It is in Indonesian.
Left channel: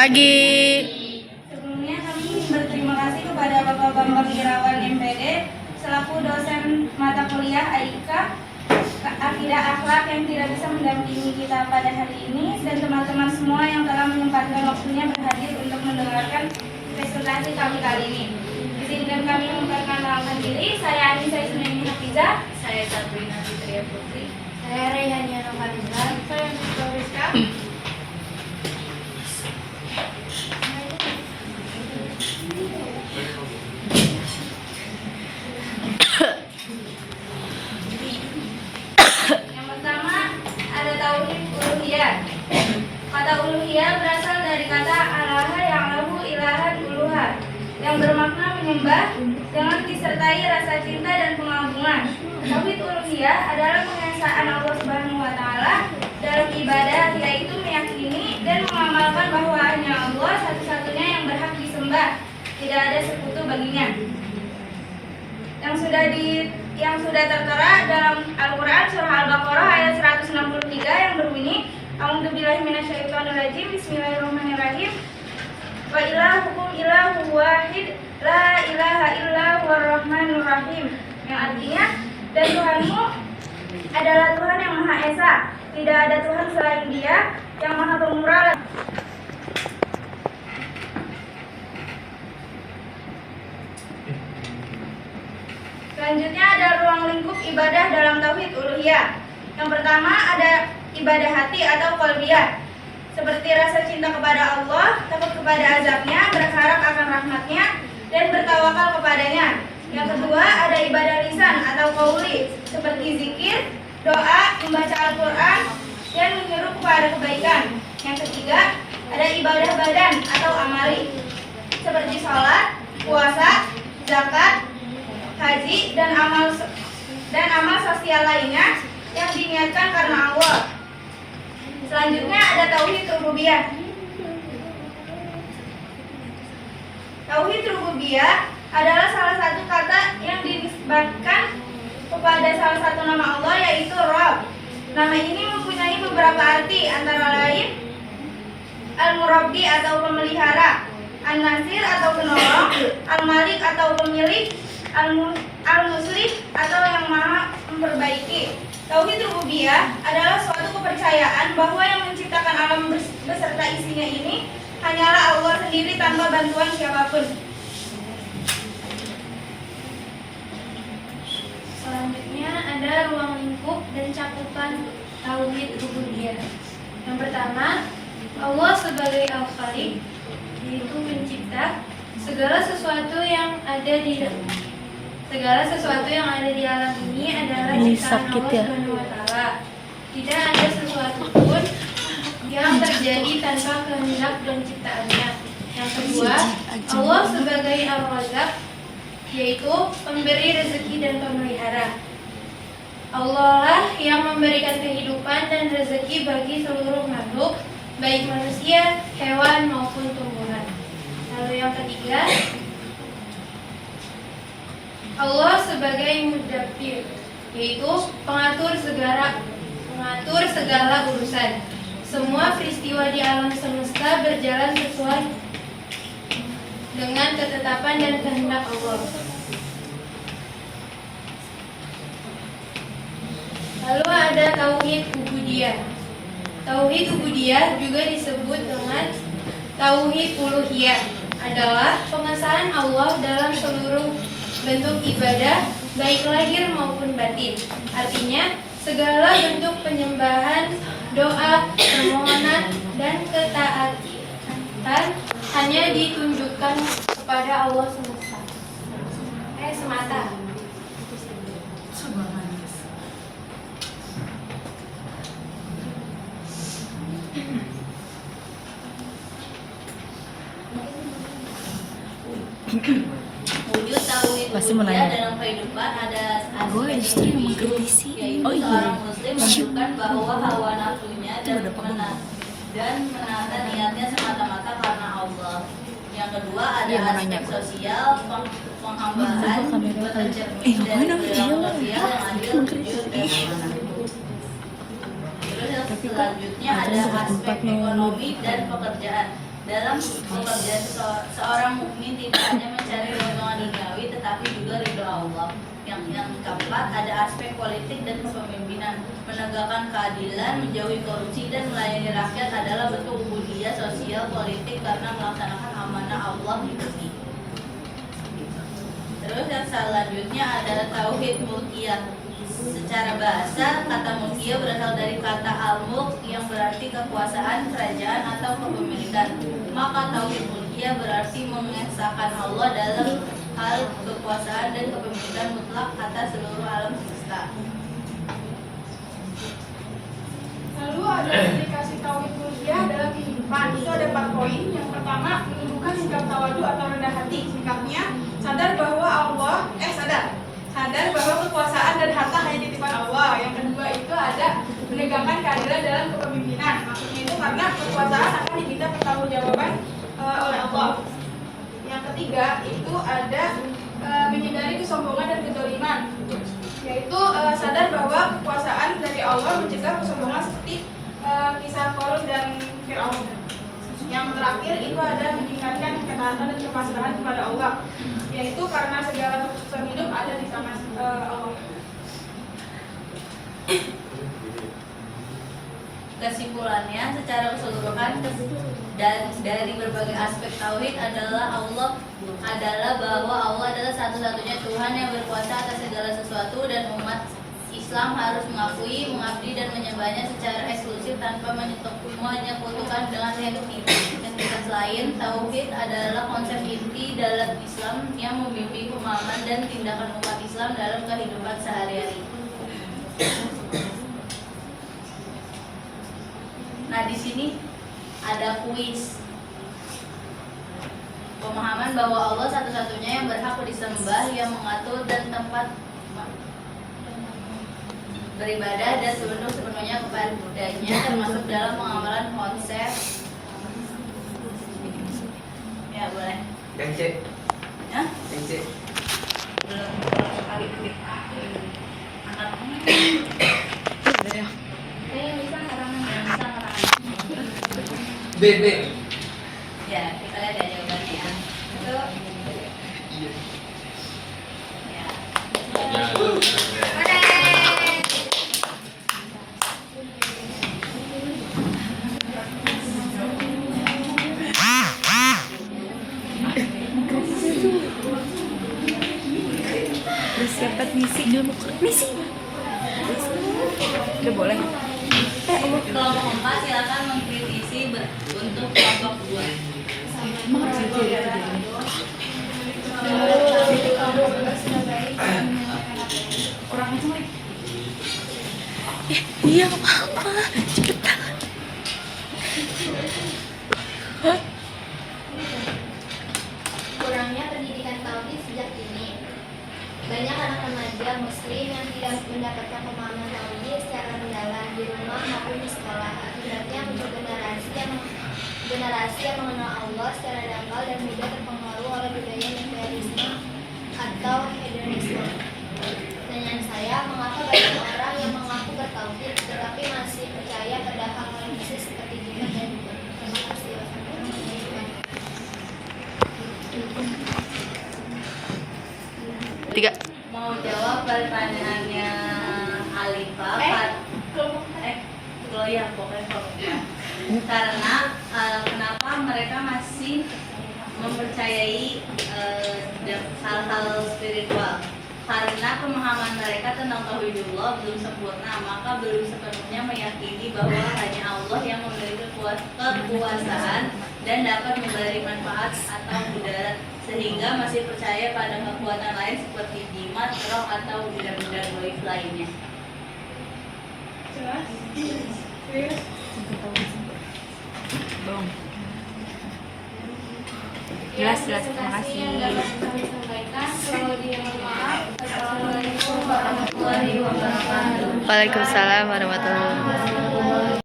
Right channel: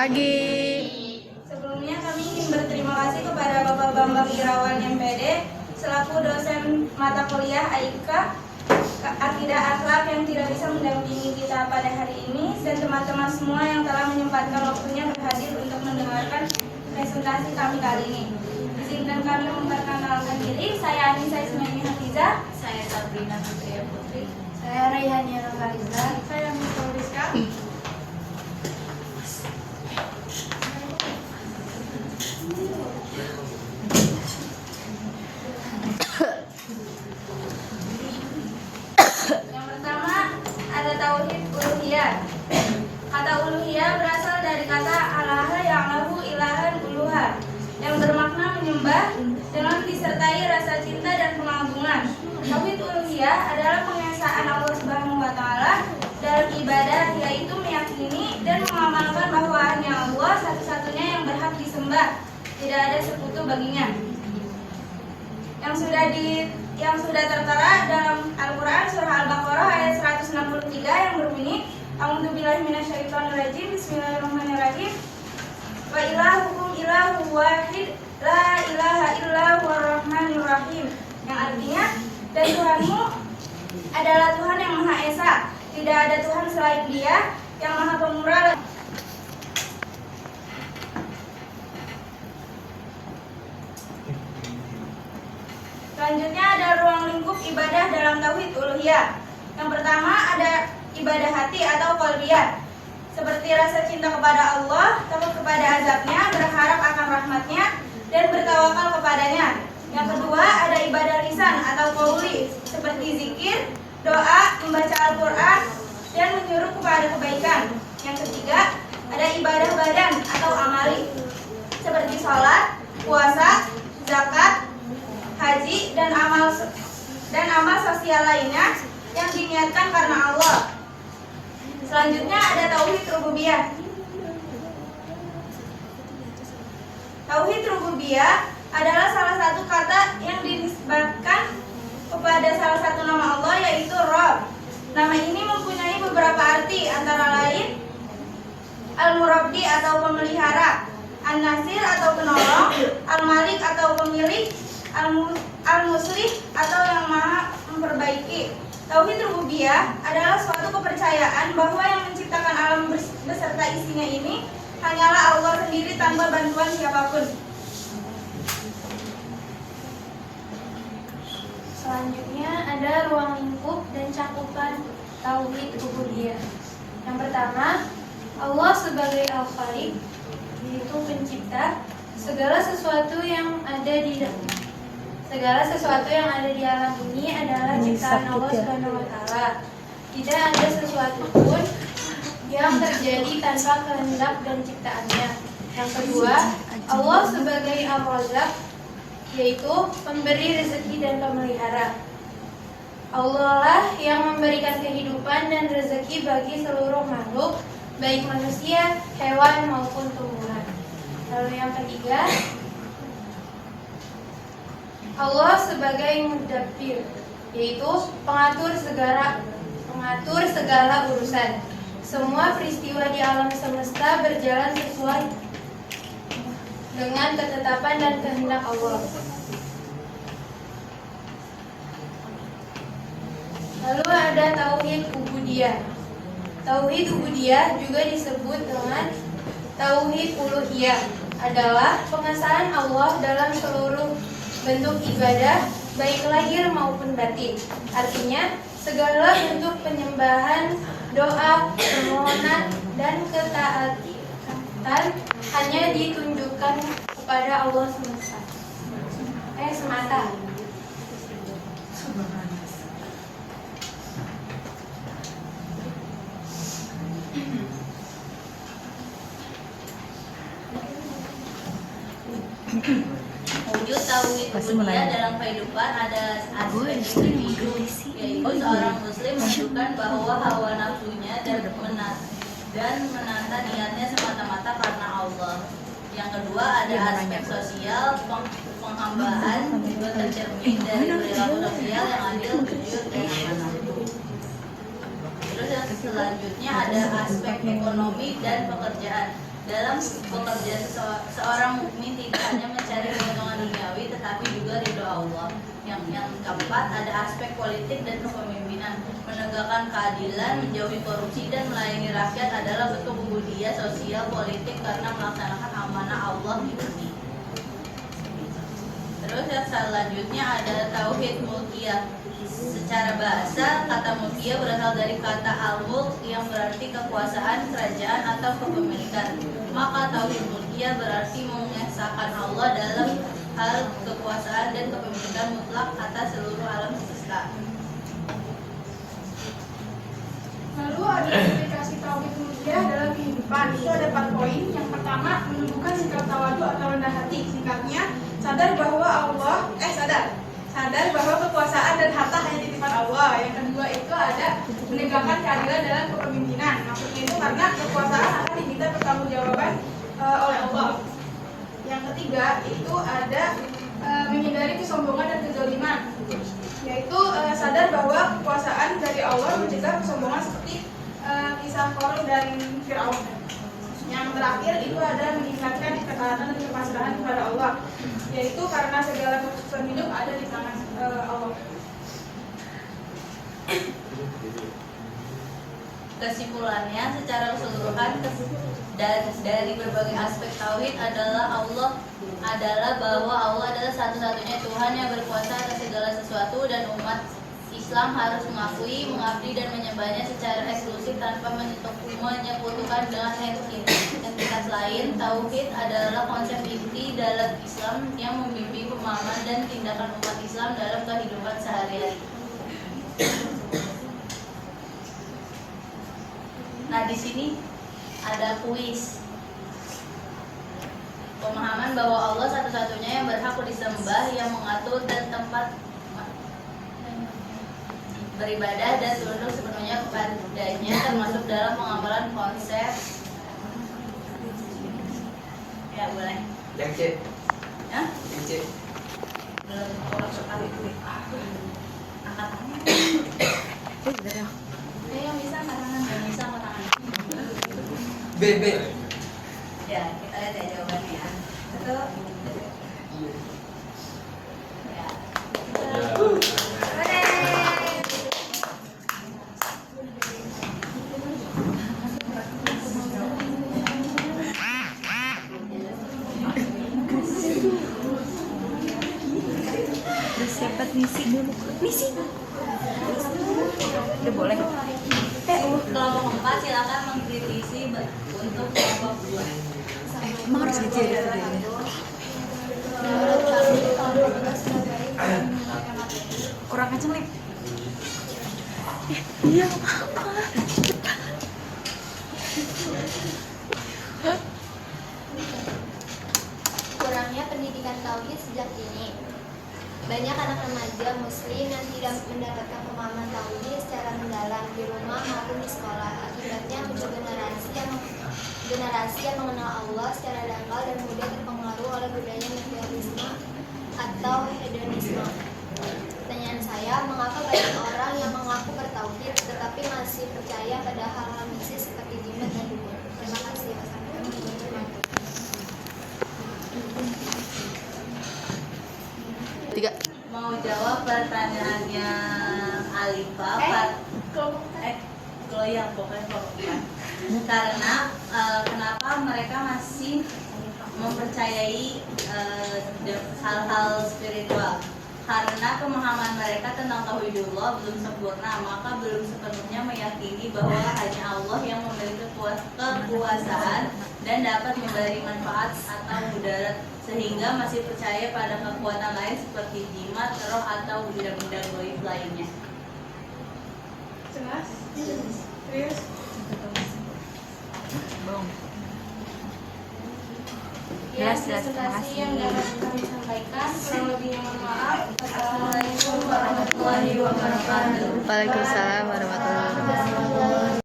Pagi. Sebelumnya kami ingin berterima kasih kepada Bapak Bambang Irawan MPD selaku dosen mata kuliah AIK Akidah Akhlak yang tidak bisa mendampingi kita pada hari ini, dan teman-teman semua yang telah menyempatkan waktunya berhadir untuk mendengarkan presentasi kami kali ini. Izinkan kami memperkenalkan diri. Saya Anissa Ismail Hafiza. Saya Sabrina Fitria Putri. Saya Reihania Novaliza. Saya Mika Rizka. Yang pertama ada tauhid uluhiyah. Kata uluhiyah berasal dari kata alaha yang lahu ilahan uluhah, yang bermakna menyembah dengan disertai rasa cinta dan pengagungan. Tauhid uluhiyah adalah pengesaan Allah Subhanahu wa taala dalam ibadah, yaitu meyakini dan mengamalkan bahwa hanya Allah satu-satunya yang berhak disembah, tidak ada sekutu baginya. Yang sudah tertera dalam Al-Quran surah Al-Baqarah ayat 163 yang berbunyi, A'udzubillahi minasyaitonirrajim, Bismillahirrahmanirrahim. Wa ilahukum ilahu wahid, la ilaha illa huwar rahmanur rahim. Yang artinya, dan Tuhanmu adalah Tuhan yang Maha Esa, tidak ada Tuhan selain Dia, yang Maha Pemurah. Selanjutnya ada ruang lingkup ibadah dalam tauhid uluhiyah. Yang pertama ada ibadah hati atau qalbiyah, seperti rasa cinta kepada Allah, takut kepada azabnya, berharap akan rahmatnya, dan bertawakal kepadanya. Yang kedua ada ibadah lisan atau qauli, seperti zikir, doa, membaca Al-Quran, dan menyuruh kepada kebaikan. Yang ketiga ada ibadah badan atau amali, seperti sholat, puasa, zakat, haji, dan amal sosial lainnya yang diniatkan karena Allah. Selanjutnya ada tauhid rububiyah. Tauhid rububiyah adalah salah satu kata yang dinisbatkan kepada salah satu nama Allah, yaitu Rabb. Nama ini mempunyai beberapa arti, antara lain Al-Murabbi atau pemelihara, An-Nasir atau penolong, Al-Malik atau pemilik, Al-Muslih atau yang maha memperbaiki. Tauhid rububiyah adalah suatu kepercayaan bahwa yang menciptakan alam beserta isinya ini hanyalah Allah sendiri tanpa bantuan siapapun. Selanjutnya ada ruang lingkup dan cakupan tauhid rububiyah. Yang pertama, Allah sebagai Al-Khaliq, yaitu pencipta segala sesuatu yang ada di alam ini adalah ciptaan Allah Subhanahu wa taala. Tidak ada sesuatu pun yang terjadi tanpa kehendak dan ciptaannya. Yang kedua, Allah sebagai Ar-Razzaq, yaitu pemberi rezeki dan pemelihara. Allah lah yang memberikan kehidupan dan rezeki bagi seluruh makhluk, baik manusia, hewan maupun tumbuhan. Lalu yang ketiga, Allah sebagai Mudabbir, yaitu pengatur segala urusan. Semua peristiwa di alam semesta berjalan sesuai dengan ketetapan dan kehendak Allah. Lalu ada tauhid ubudiyah. Tauhid ubudiyah juga disebut dengan tauhid uluhiyah, adalah pengesahan Allah dalam seluruh bentuk ibadah, baik lahir maupun batin. Artinya, segala bentuk penyembahan, doa, permohonan, dan ketaatan hanya ditunjukkan kepada Allah semata. Wujud tauhid rububiyah dalam kehidupan ada aspek mengkritisi, yaitu seorang muslim menunjukkan bahwa hawa nafsunya dan menahan niatnya semata-mata karena Allah. Yang kedua ada aspek sosial, penghambaan, tercermin dari perilaku sosial yang adil, jujur, dan amanah. Terus yang selanjutnya ada aspek ekonomi dan pekerjaan. Dalam bekerja seorang mukmin tidak hanya mencari keuntungan duniawi tetapi juga ridho Allah. Yang keempat ada aspek politik dan kepemimpinan. Menegakkan keadilan, menjauhi korupsi dan melayani rakyat adalah bentuk ubudiyah sosial politik karena melaksanakan amanah Allah diberi. Terus yang selanjutnya ada tauhid mulkiyah. Secara bahasa, kata mulkiyah berasal dari kata al-mulk yang berarti kekuasaan, kerajaan atau kepemilikan. Maka tauhid mulkiyah berarti mengesahkan Allah dalam hal kekuasaan dan kepemilikan mutlak atas seluruh alam semesta. Lalu ada aplikasi tauhid mulkiyah dalam kehidupan. Itu ada 4 poin. Yang pertama, menumbuhkan sikap tawadu atau rendah hati. Singkatnya, sadar bahwa kekuasaan dan harta hanya titipan Allah. Yang kedua itu ada menegakkan keadilan dalam kepemimpinan. Maksudnya itu karena kekuasaan akan diminta pertanggungjawaban oleh Allah. Yang ketiga itu ada menghindari kesombongan dan kezaliman, yaitu sadar bahwa kekuasaan dari Allah mencegah kesombongan seperti kisah Qarun dan Fir'aun. Yang terakhir itu ada meningkatkan ketaatan dan kepasrahan kepada Allah, yaitu karena segala keputusan hidup ada di tangan Allah. Kesimpulannya, secara keseluruhan dan dari berbagai aspek tauhid adalah bahwa Allah adalah satu-satunya Tuhan yang berkuasa atas segala sesuatu dan umat Islam harus mengakui, mengabdi dan menyembahnya secara eksklusif tanpa menyekutukan dengan entitas lain. Tauhid adalah konsep inti dalam Islam yang membimbing pemahaman dan tindakan umat Islam dalam kehidupan sehari-hari. Nah, di sini ada kuis. Pemahaman bahwa Allah satu-satunya yang berhak disembah, yang mengatur dan tempat beribadah dan tunduk sepenuhnya kepadanya, termasuk dalam pengamalan konsep. Ya, boleh. Kece. Ya? Kece. Belum sekali anaknya. Yang bisa ngerangan dan bisa ngerangan. B. Ya, kita lihat ya jawabannya. Atau ya. Bersiapkan misi. Oke, boleh. Kelompok 4 silakan mengkritisi untuk kelompok 2. Emang harus aja ya. Kurang kenceng nih. Iya, apa? Cepetan. Kurangnya pendidikan tauhid sejak dini. Banyak anak remaja muslim yang tidak mendapatkan pemahaman tauhid secara mendalam di rumah maupun di sekolah. Akibatnya muncul generasi yang mengenal Allah secara dangkal dan mudah terpengaruh oleh budaya materialisme atau hedonisme. Pertanyaan saya, mengapa banyak orang yang mengaku bertauhid tetapi masih percaya pada hal-hal mistis seperti jimat dan dukun? Terima kasih. Tiga. Mau jawab pertanyaannya Alifa? Keloyang pokoknya. Karena kenapa mereka masih mempercayai hal-hal spiritual? Karena pemahaman mereka tentang tauhidullah belum sempurna, maka belum sepenuhnya meyakini bahwa hanya Allah yang memiliki kekuasaan dan dapat memberi manfaat atau mudarat, sehingga masih percaya pada kekuatan lain seperti jimat, roh atau benda-benda gaib lainnya. Jelas? Serius? Jelas. Terima kasih. Yang dapat kami sampaikan. Kurang lebihnya mohon maaf. Assalamualaikum warahmatullahi wabarakatuh. Waalaikumsalam warahmatullahi wabarakatuh.